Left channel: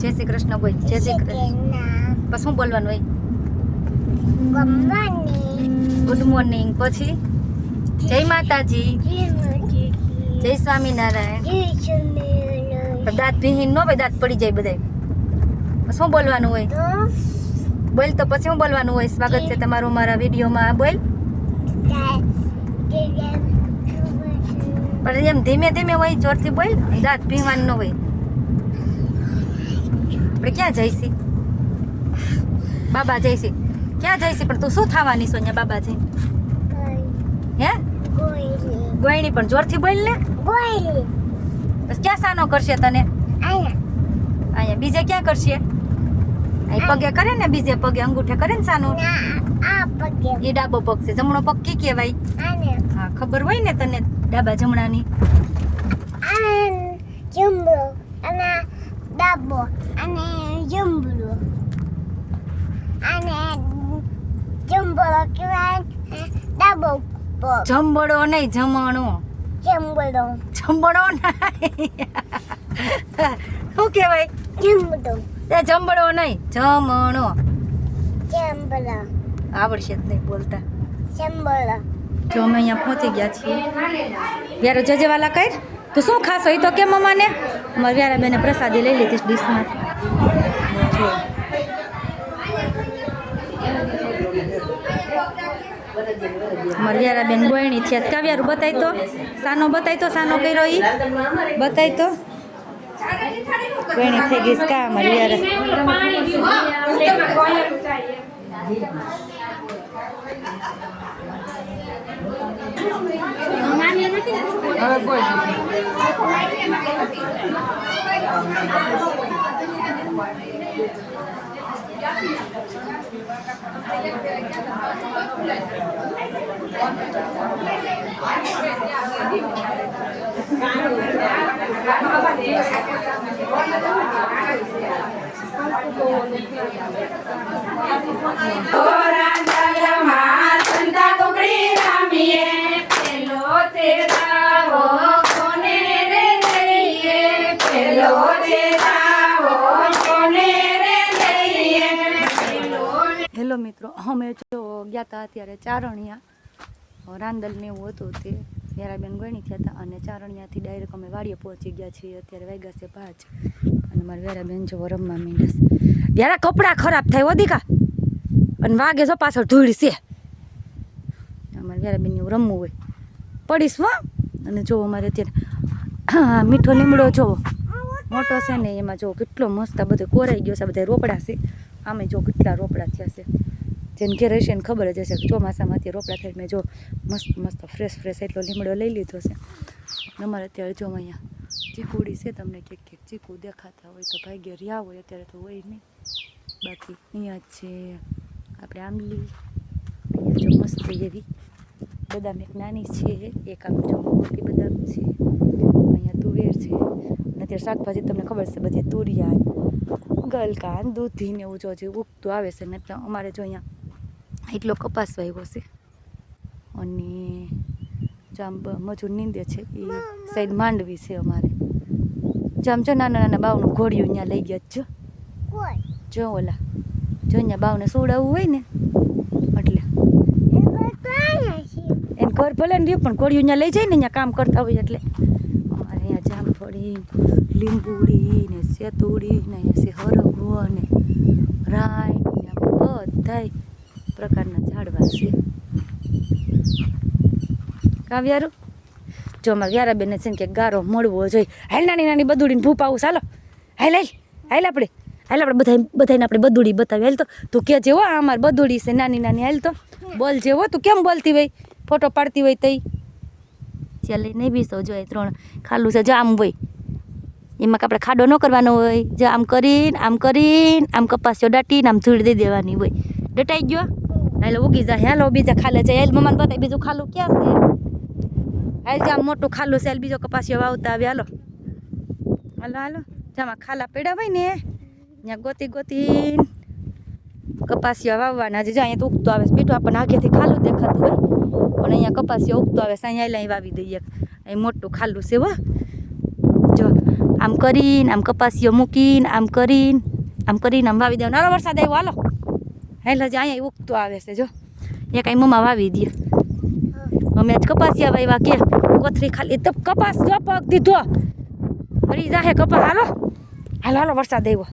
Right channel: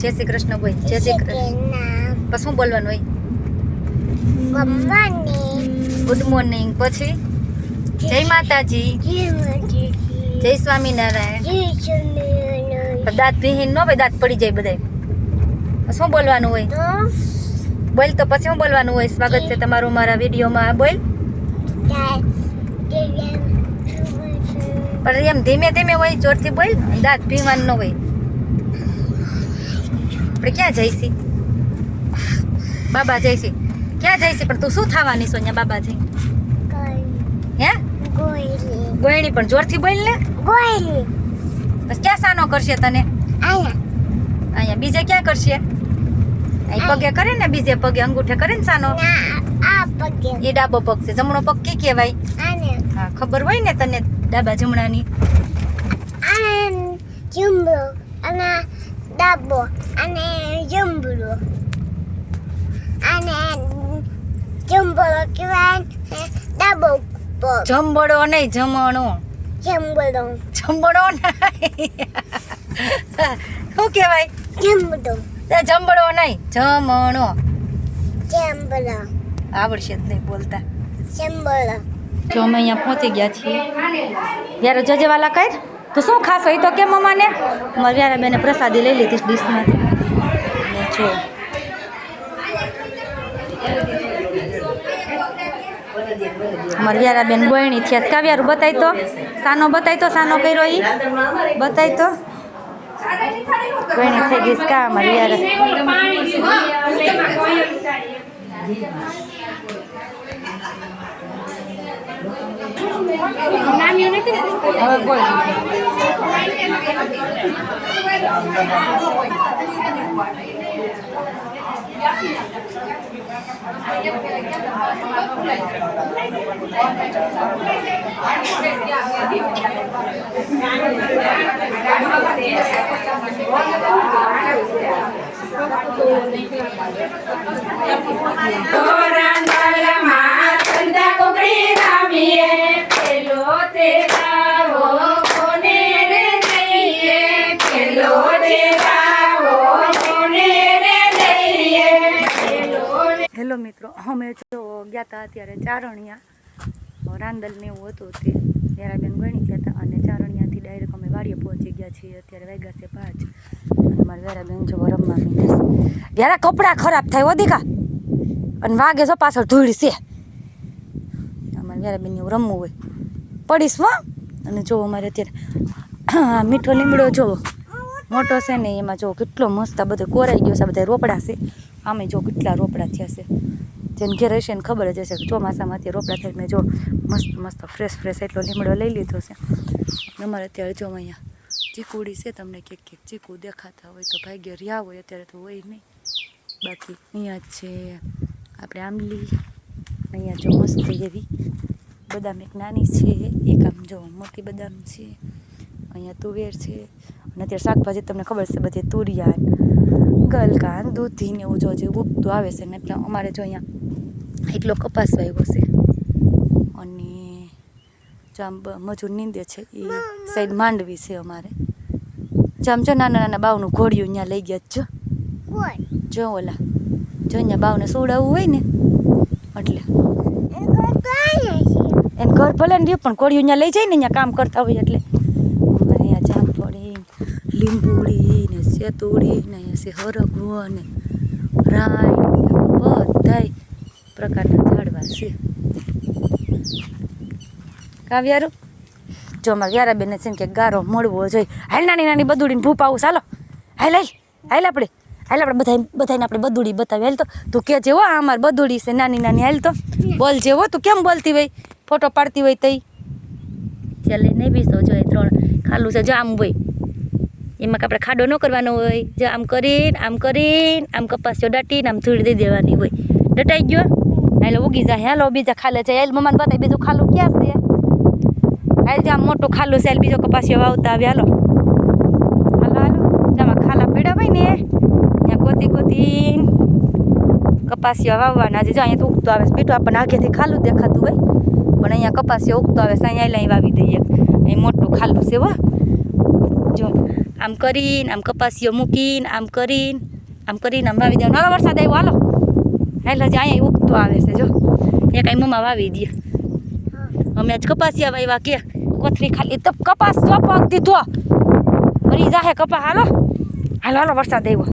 જય શ્રી કૃષ્ણ બોલ. જય શ્રી કૃષ્ણ. પછી શું બોલવાનું હોય? Good morning. પછી જય માતાજી, જય સ્વામિનારાયણ. દાંત ભીહીન નો ભાઈ, દાંત પડી જાય બધાય. શું બોલવાનું હોય? બોલ તો પછી શું બોલવાનું હોય? સ્વાગત છે તમારું મારા વિડીયોમાં. બોલ. પણ એમ ધીમે ધીમે હોય, જોરથી બોલ. દાંત ભીવાનું ન હોય. આપણે ક્યાં જઈશી? બાબા જઈશી. ક્યાં જઈશી? પણ તું શું થવાની સોનિયા બાબા જઈ? હે ગોયણી. પણ જોરથી બોલ ને. ગોયણી. બસ ક્યાં સાનો કરશે તને? અહીંયા. બીજે ક્યાં કરશે? અહીં પગે કરે ને, બીજે પગે અંગૂઠે કરે ને સાનો. એ ડાબો પગ છે. જમણો પગ કી કહેવાય? હા, ખબર હોય ને તને ડાબા જમણાની. જમણો અને ડાબો અને જમણો અને જમણો કહેવાય ડાબો પગ. જમબડો નહીં, જમણો. જમણો. જમણો નહીં. શું કહેવાય? જમણો. જમબડો નહીં, જમણો. જમણો. આવડશે જ નહીં બોલતા. જમણો. જો અમે અહીંયા પહોંચી ગયા છીએ. જ્યારે જજેવાલા કર તો શું ખાસ હોય તો કે મમ્માને મારે જ્યારે બેને પ્રસાદી લઈ લીધી ડીશમાંથી. જો અમારે વ્યારા બેન ગોયણી થયા. કાવ્યારું બતાય તો, સાનો બતાય તો, સાનો કર્યો ઈ બતાય તો. ગોયણી થઈ ગઈ કા અમારી વ્યારા. હવે બોલ. હેલો મિત્રો, અમે જો ગયા હતા અત્યારે ચારણિયા. રાંદલને એવું હતું તે યારાબેન ગણી ગયા હતા અને ચારણિયાથી ડાયરેક્ટ અમે વાડીએ પહોંચી ગયા છીએ. અત્યારે વાગ્યા છે 5 અને મારા યારાબેન જો રમવા મીંડે. યારા કપડાં ખરાબ થાય વધિકા અને વાગે જો પાછળ ધૂળ છે. અમારે યારાબેન એવું રમવું હોય પડીશ હો. અને જો અમારે અત્યારે મીઠો લીમડો જોવો મોટો છે ને, એમાં જો કેટલો મસ્ત આ બધો કોરાઈ ગયો છે. બધા રોપડા છે. આમે જો કેટલા રોપડા થયા છે. જેમ ઘેર હશે ને ખબર જ હશે. ચોમાસામાં અત્યારે રોપડા થાય. મેં જો મસ્ત મસ્ત ફ્રેશ એટલો લીમડો લઈ લીધો છે. અમારે અત્યારે જો અહીંયા ચીકુડી છે. તમને ક્યાંક ચીકુ દેખાતા હોય તો ભાગ્ય રહ્યા હોય, અત્યારે તો હોય નહીં. બાકી અહીંયા જ છે આપણે આંબલી. અહીંયા જો મસ્ત એવી બદામ એક નાની છે, એક આમ જો મોટી બદામ છે. અહીંયા તુવેર છે. અને અત્યારે શાકભાજી તમને ખબર છે બધી તુરિયા, ગલકા, દૂધી ને એવું જો જે ઉગતું આવે છે ને. એટલે અમારે જો અહીંયા એટલો કપાસ વાવ્યો છે. અને જામ મજૂર નીંદે છે એ સાઈડ માંડવી છે અમારે. જામ જો નાના નાના બાવનું ઘોડિયું અહીંયા લઈ ગયા જો. જો ઓલા જો અહીંયા બાવને સુવડાવવું હોય ને એટલે એને ઘર ભલે ને પણ ઘોડિયું અહીંયા લઈ જાય ને, અહીંયા કામ કરતા હોય એટલે. અમારે અહીંયા જામફળી, લીંબુડી ને સેતુડી ને અહીંયા છે હરગવો ને રાય બધાય પ્રકારના ઝાડવા છે. કાવ્યારું જો અમારે યારાબેન છે ને કે ગારો મળવો જોઈએ. હાલ નાની નાની બદુડીને ભૂપ આવું. ચાલો હાલ આપણે બધાને આપણે બદુડી બતાવી. હાલ તો તું કે જેવો આ અમારે બદુડી છે નાની નાની. હાલ તો બોલ જેવો તું કેમ બોલતી હોય, ફોટો પાડતી હોય તઈ. ચાલ નહીં બીસો જોઈએ 3 ખાલું છે. જો આમ હોય એમાં આપણે ખાડો ન કરવાનો હોય. જે આમ કરીને આમ કપાસ્યો દાટીને આમ ધૂળ દઈ દેવાની હોય. દટાઈ ગયો હાલો ઉગી જાય. હાલો બીજા ખાલે જાય. હાલ મમ્માને બતાવી બીજું ખાલું ક્યાં છે. હાલ જે આમ મોટું ખાલું છે. હાલ બીજો કપાસ્યો વાવતા આવે. હાલો જેમાં ખાલા પીડા હોય ને ત્યાં ગોતી કપાસિયા વાવવાના. જે જો અહીંયા તો ઉગતો આવે છે. બીટું આપણને આગેથી ખાલું દેખાતું હોય પણ અહીંયા કપાસિયા ઉગતો આવે છે. અહીંયા વાવી દઈએ. અહીં મોટું ખાલું છે હો. જો આમ કરીને આમ કપાસીઓ મૂકીને આમ આમ વાવી દેવાનું. હાલો વરસાદ આવ્યો હાલો હાલ હજી અહીંયા ઉગતો આવે છે જો એ કાંઈ મમ્મા વાવી દે. અમે આજ કપાસિયા વાવ્યા કે કોથરી ખાલી તો કપાસ જો પગ દીધો મરી જાહે કપાસ. હાલો હાલો હાલો વરસાદ આવ્યો.